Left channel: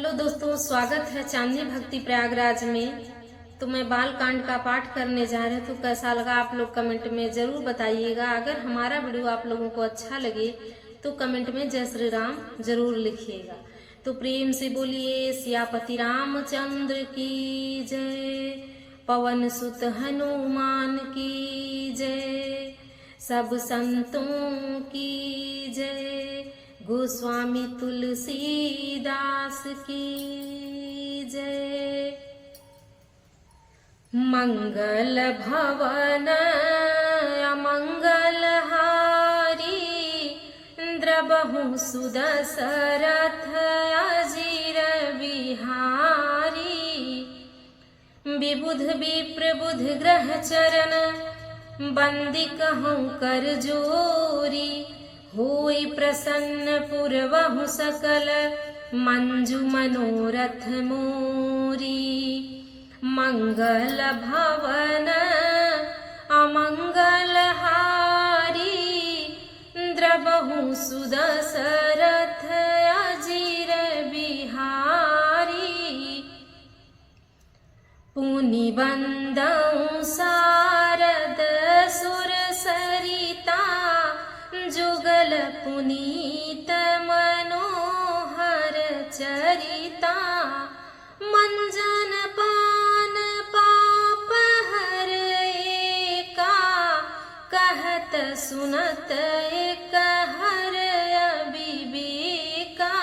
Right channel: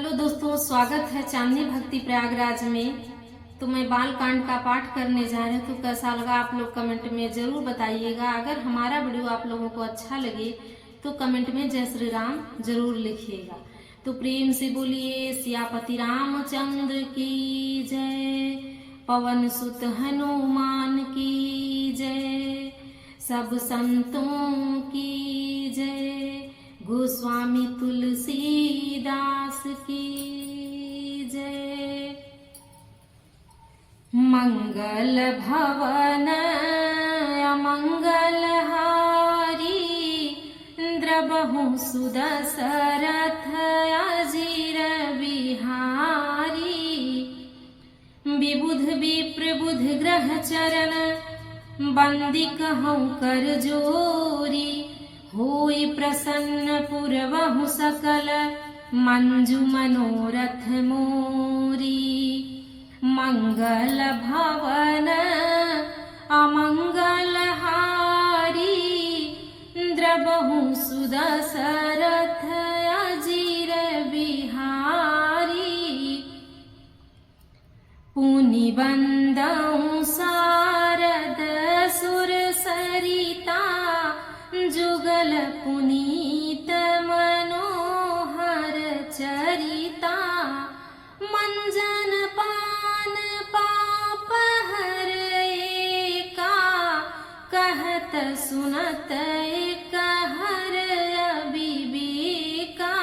Hello दोस्तों, स्वागत है चांदनी भक्ति प्रयागराज में। तो मैं बाल कांड का पाठ करने जा रहे तो कैसा लगा आप लोग कमेंट में जरूर बताइएगा। अगर हमारा वीडियो आप लोगों को अच्छा लगे तो कमेंट में जय श्री राम जरूर लिखिएगा। तो प्रेम से बोलिए सियापति रामचंद्र की जय, पवन सुत हनुमान की जय, सब संतों की जय, गोस्वामी तुलसीदास की जय। मंगल भवन अमंगल हारी, द्रबहु सुदशरथ अजीर बिहारी। विबुध विप्र बुध ग्रह चरण, बंदी कहूँ कर जोरी। होई प्रसन्न पुरवहु सकल, मंजु मनोरथ मोरी। मंगल भवन अमंगल हारी, द्रबहु सुदशरथ अजीर बिहारी। पुनि बंदउ शारद सुर सरिता, जुगल पुनीत मनोहर चरिता। मंजन पान पाप हर एका, कहत सुनत एक हर अविवेका।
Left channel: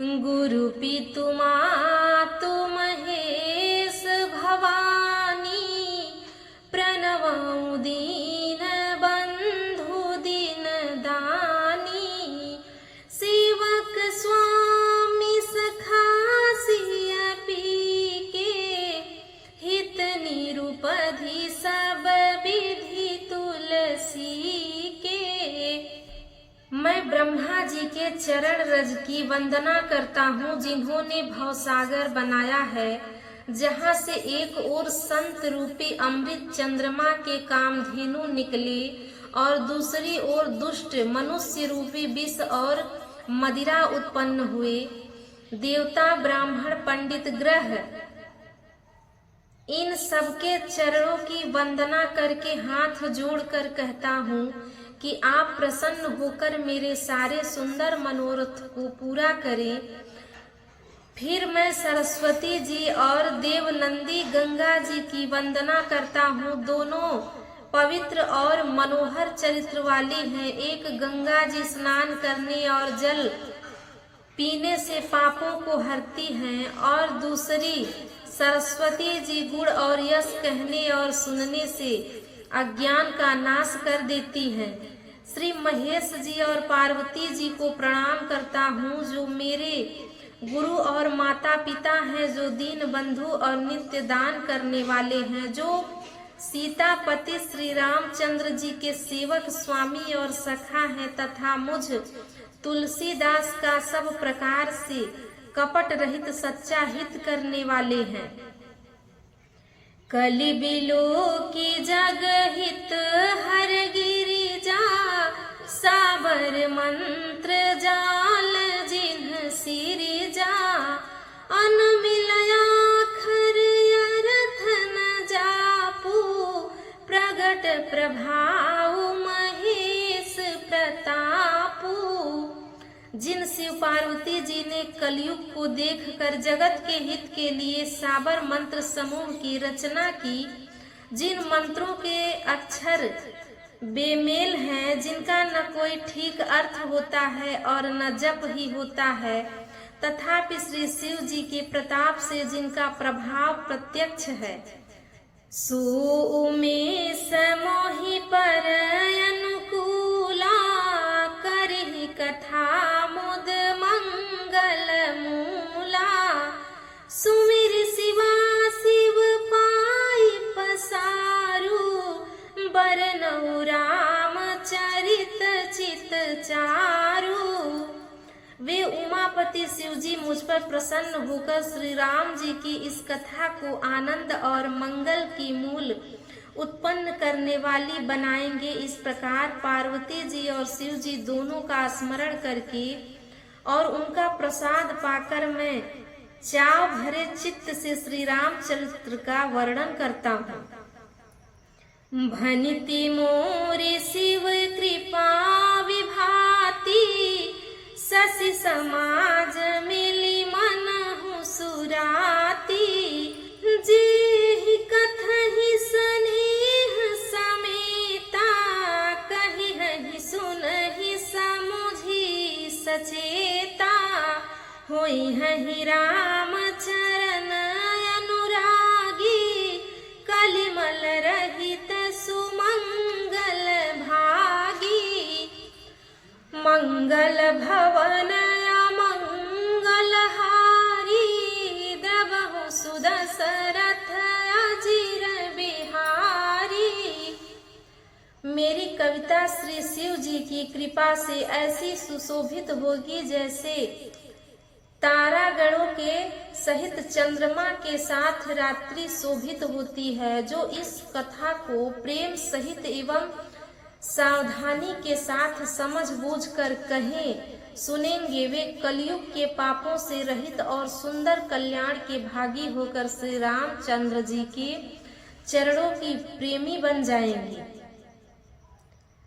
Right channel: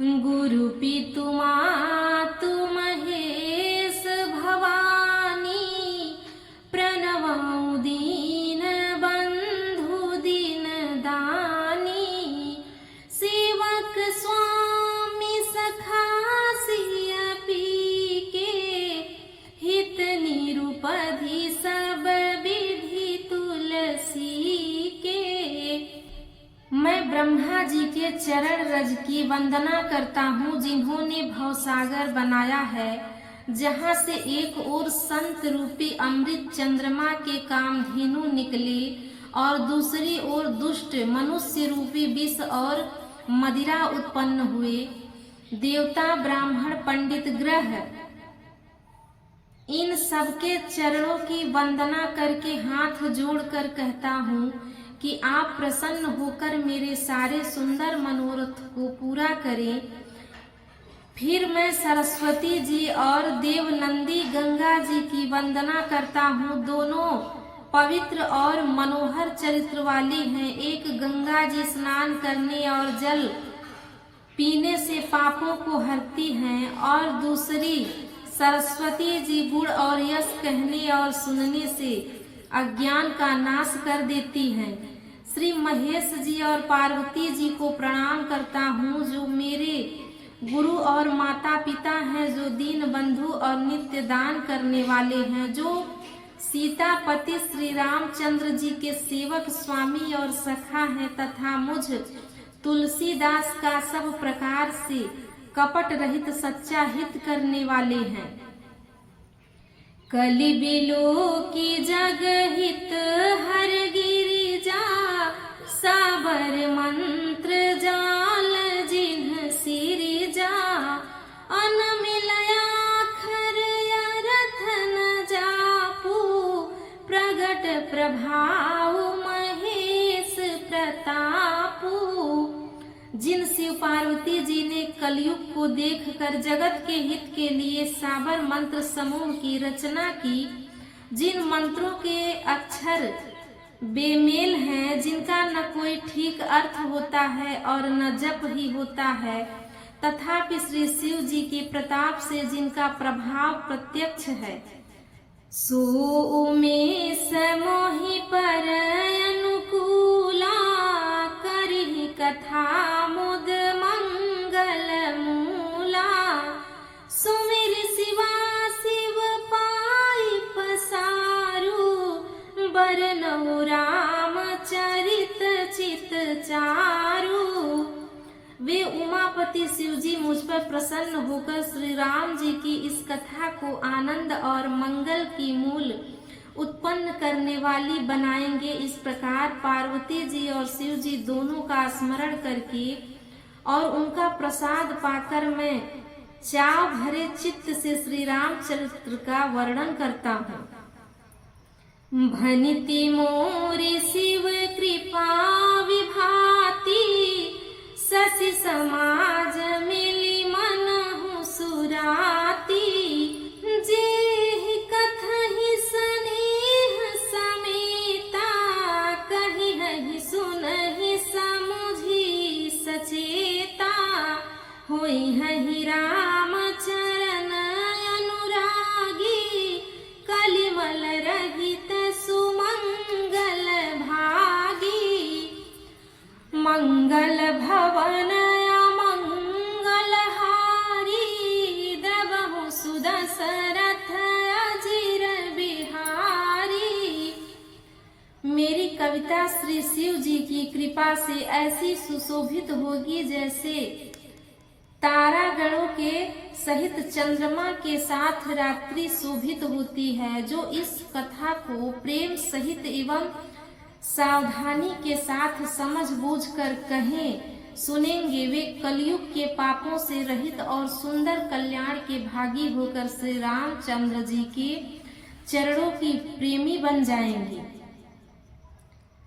गुरु पितु मातु महेश भवानी, प्रणवउ दीन बंधु दीन दानी। सेवक स्वामी सखा सिय पी के, हित निरुपधि सब विधि तुलसी के। मैं ब्रह्मा जी के चरण रज की वंदना करता हूँ, जिन्होंने भवसागर बनाया है, जहाँ से एक ओर संत रूपी अमृत चंद्रमा के कामधेनु निकले और दूसरी ओर दुष्ट मनुष्य रूपी विष और मदिरा उत्पन्न हुए। देवता ब्राह्मण पंडित ग्रह इन सबके चरणों की वंदना करके हाथ जोड़कर कहता हूँ कि आप प्रसन्न होकर मेरे सारे सुंदर मनोरथ को पूरा करें। फिर मैं सरस्वती जी और देवनंदी गंगा जी की वंदना करता हूँ। दोनों पवित्र और मनोहर चरित्र वाली हैं। एक गंगा जी स्नान करने और जल पीने से पापों को हरती हैं, और दूसरी सरस्वती जी गुण और यश कहने और सुनने से अज्ञान का नाश कर देती हैं। श्री महेश जी और पार्वती जी को प्रणाम करता हूँ, जो मेरे गुरु और माता पिता हैं, जो दीन बंधु और नित्य दान करने वाले हैं, जो सीतापति श्री रामचंद्र जी के सेवक स्वामी और सखा हैं, तथा मुझ तुलसीदास का सब प्रकार से कपट रहित सच्चा हित करने वाले हैं। कलि बिलो की जग हित हर गिरिजा, साबर मंत्र जाल जिन्ह सिरिजा। अनमिलया खर अरथ न जापू, प्रगट प्रभाव महेश प्रतापू। जिन शिव पार्वती जी ने कलयुग को देखकर जगत के हित के लिए साबर मंत्र समूह की रचना की, जिन मंत्रों के अक्षर बेमेल हैं, जिनका न कोई ठीक अर्थ होता है और न जप ही होता है, तथापि श्री शिव जी के प्रताप से जिनका प्रभाव प्रत्यक्ष है, सो में समोहि पर अनुकूला। करहि कथा मुद मंगल मूला, सुमिर शिवा शिव पाई पसारू। बरनउ राम चरित चित चारू। वे उमापति शिव जी मुझ पर प्रसन्न होकर श्री राम जी की इस कथा को आनंद और मंगल की मूल उत्पन्न करने वाली बनाएंगे। इस प्रकार पार्वती जी और शिव जी दोनों का स्मरण करके और उनका प्रसाद पाकर मैं चाव भरे चित्त से श्री रामचरित्र का वर्णन करता हूँ। भनिति मोरे शिव कृपा विभाति, शशि समाज मिली मनहु सुराती। जेहि कथहि स्नेह समेता, कहिहि सुनहि समुझि सचेता। होइहि राम चरण अनुरागी, कलिमल रहित सुमंगल भागी। मंगल भवन अमंगल हारी, द्रवहु सुदशरथ अजिर बिहारी। मेरी कविता श्री शिव जी की कृपा से ऐसी सुशोभित होगी जैसे तारागणों के सहित चंद्रमा के साथ रात्रि शोभित होती है। जो इस कथा को प्रेम सहित एवं सावधानी के साथ समझ बूझ कर कहें सुनेंगे, वे कलयुग के पापों से रहित और सुंदर कल्याण के भागी होकर श्री रामचंद्र जी के चरणों की प्रेमी बन जाएंगे।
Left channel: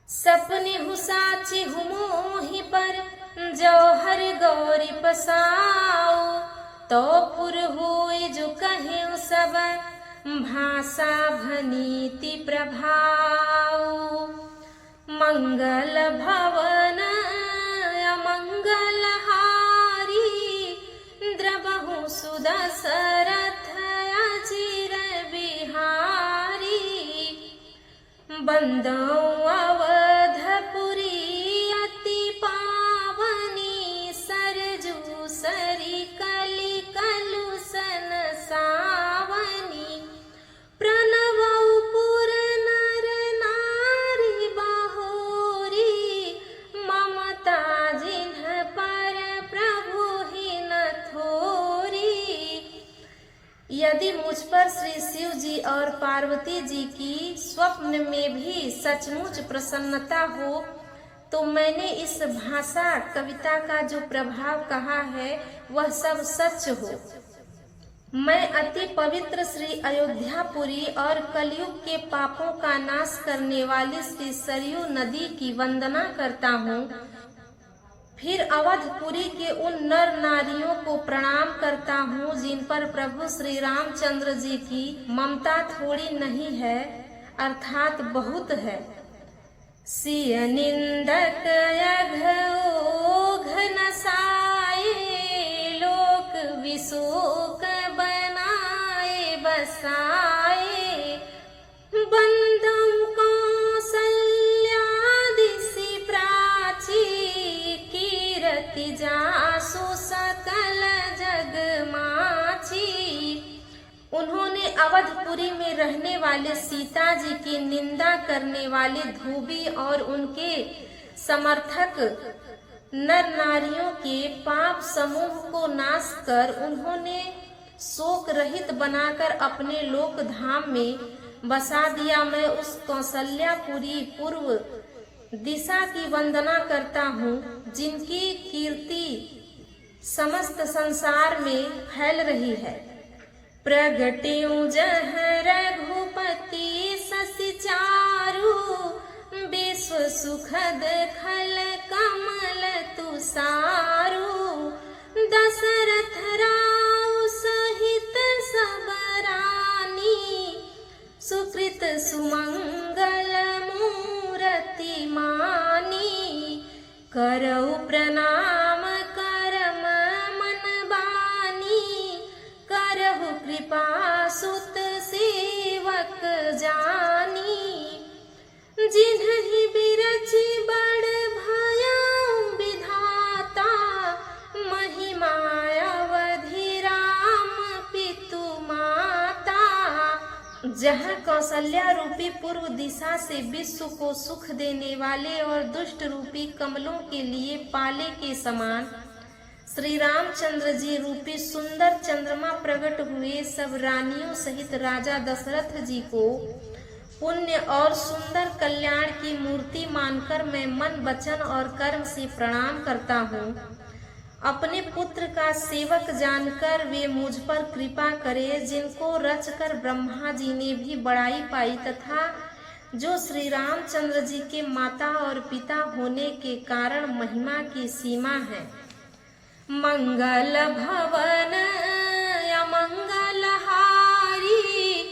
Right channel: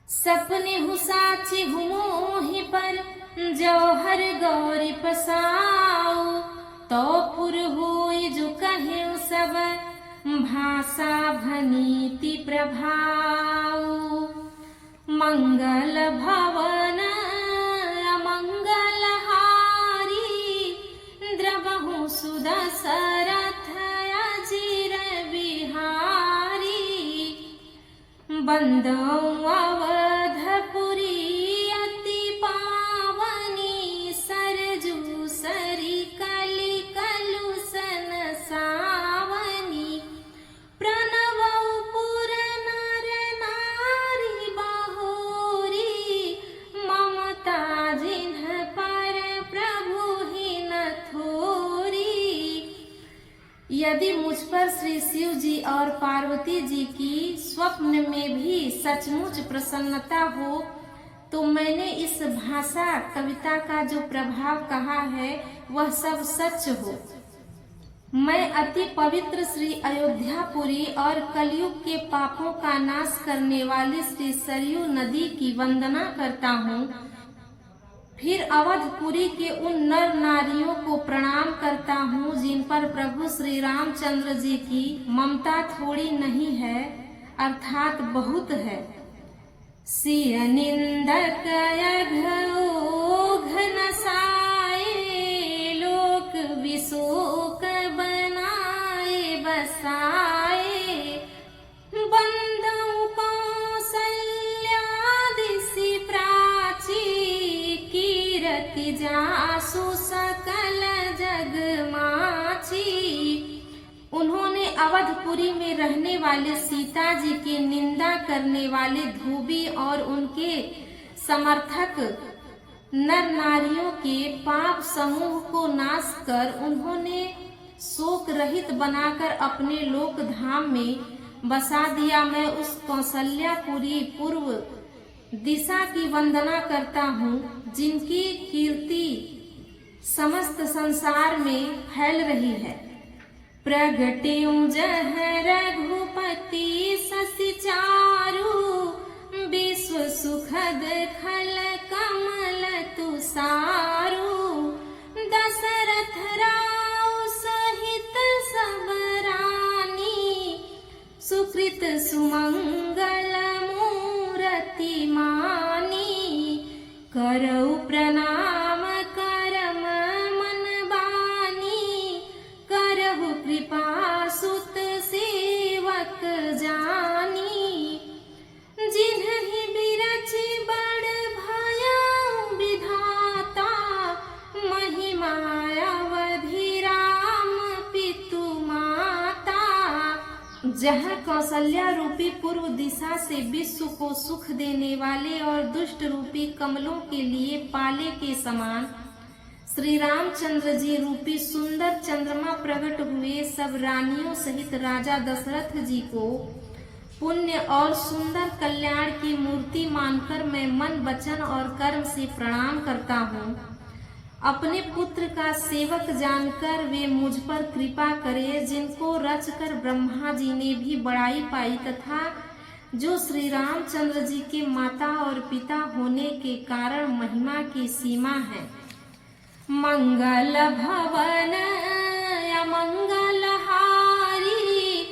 सपने हु साचे हु मोहि पर, जौहर गौरी पसाऊ। तो पुर हुई जो कहे सब, भाषा भनीति प्रभाऊ। मंगल भवन अमंगल हारी, द्रवहु सुदशरथ अजिर बिहारी। बंदौ अवधपुरी अति पावनी, सरजू सरी कलि कलुषन सावनी। प्रणवौ पुर नर नारी बहोरी, ममता जिन्ह पर प्रभु ही न थोरी। यदि मुझ पर श्री शिव जी और पार्वती जी की स्वप्न में भी सचमुच प्रसन्नता हो, तो मैंने इस भाषा कविता का जो प्रभाव कहा है वह सब सच हो। मैं अति पवित्र श्री अयोध्यापुरी और कलयुग के पापों का नाश करने वाली श्री सरयू नदी की वंदना करता हूँ। फिर अवधपुरी के उन नर नारियों को प्रणाम करता हूँ जिन पर प्रभु श्री रामचंद्र जी की ममता थोड़ी नहीं है, अर्थात बहुत है। सिय निंदक अघोघ नसाए, लोक विशोक बनाए बसाए। बंदौ कौसल्यादिसि प्राची, कीरति जासु सकल जग माची। उन्होंने अवधपुरी में रहने वाले सीता जी की निंदा करने वाले धोबी और उनके समर्थक नर नारियों के पाप समूह को नाश कर उन्होंने शोक रहित बनाकर अपने लोक धाम में बसा दिया। मैं उस कौशल्यापुरी पूर्व दिशा की वंदना करता हूँ जिनकी कीर्ति समस्त संसार में फैल रही है। प्रगट्यु जह रघुपति शशि चारु, विश्व सुखद खल कमल तुषारु। दशरथ राउ सहित सब रानी, सुकृत सुमंगल मूरति मानी। करऊ प्रणाम करम मन बानी, करहु कृपा सुत सेवक जानी। जिन्हि बिरचि बड़ भयउ विधाता, महिमा अवधि राम पितु माता। जहाँ कौशल्या रूपी पूर्व दिशा से विश्व को सुख देने वाले और दुष्ट रूपी कमलों के लिए पाले के समान श्री रामचंद्र जी रूपी सुंदर चंद्रमा प्रकट हुए, सब रानियों सहित राजा दशरथ जी को पुण्य और सुंदर कल्याण की मूर्ति मानकर मैं मन वचन और कर्म से प्रणाम करता हूँ। अपने पुत्र का सेवक जानकर वे मुझ पर कृपा करे, जिनको रचकर ब्रह्मा जी ने भी बड़ाई पाई तथा जो श्री रामचंद्र जी के माता और पिता होने के कारण महिमा की सीमा है। मंगल भवन अमंगल हारी,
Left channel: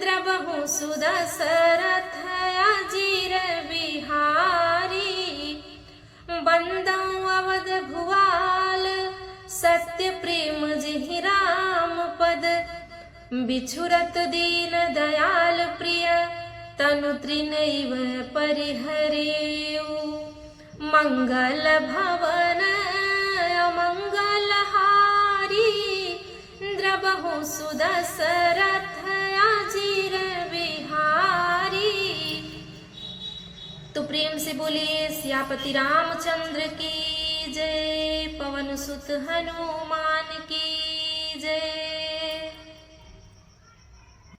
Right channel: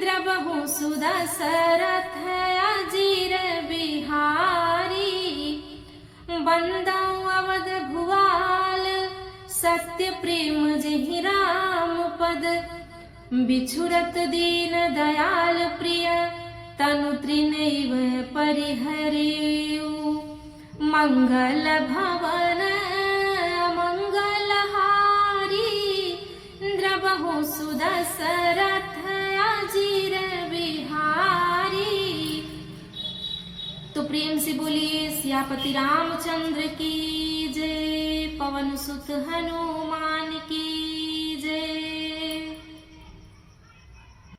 द्रवहु सुदशरथ अजीर बिहारी। बंदौ अवध भुआल सत्य प्रेम जिहि राम पद, बिछुरत दीन दयाल प्रिय तनु त्रिनैव परिहरेउ। मंगल भवन अमंगल हारी, द्रवहु सुदशरथ अजीर बिहारी। तो प्रेम से बोलिए सियापति रामचंद्र की जय। पवन सुत हनुमान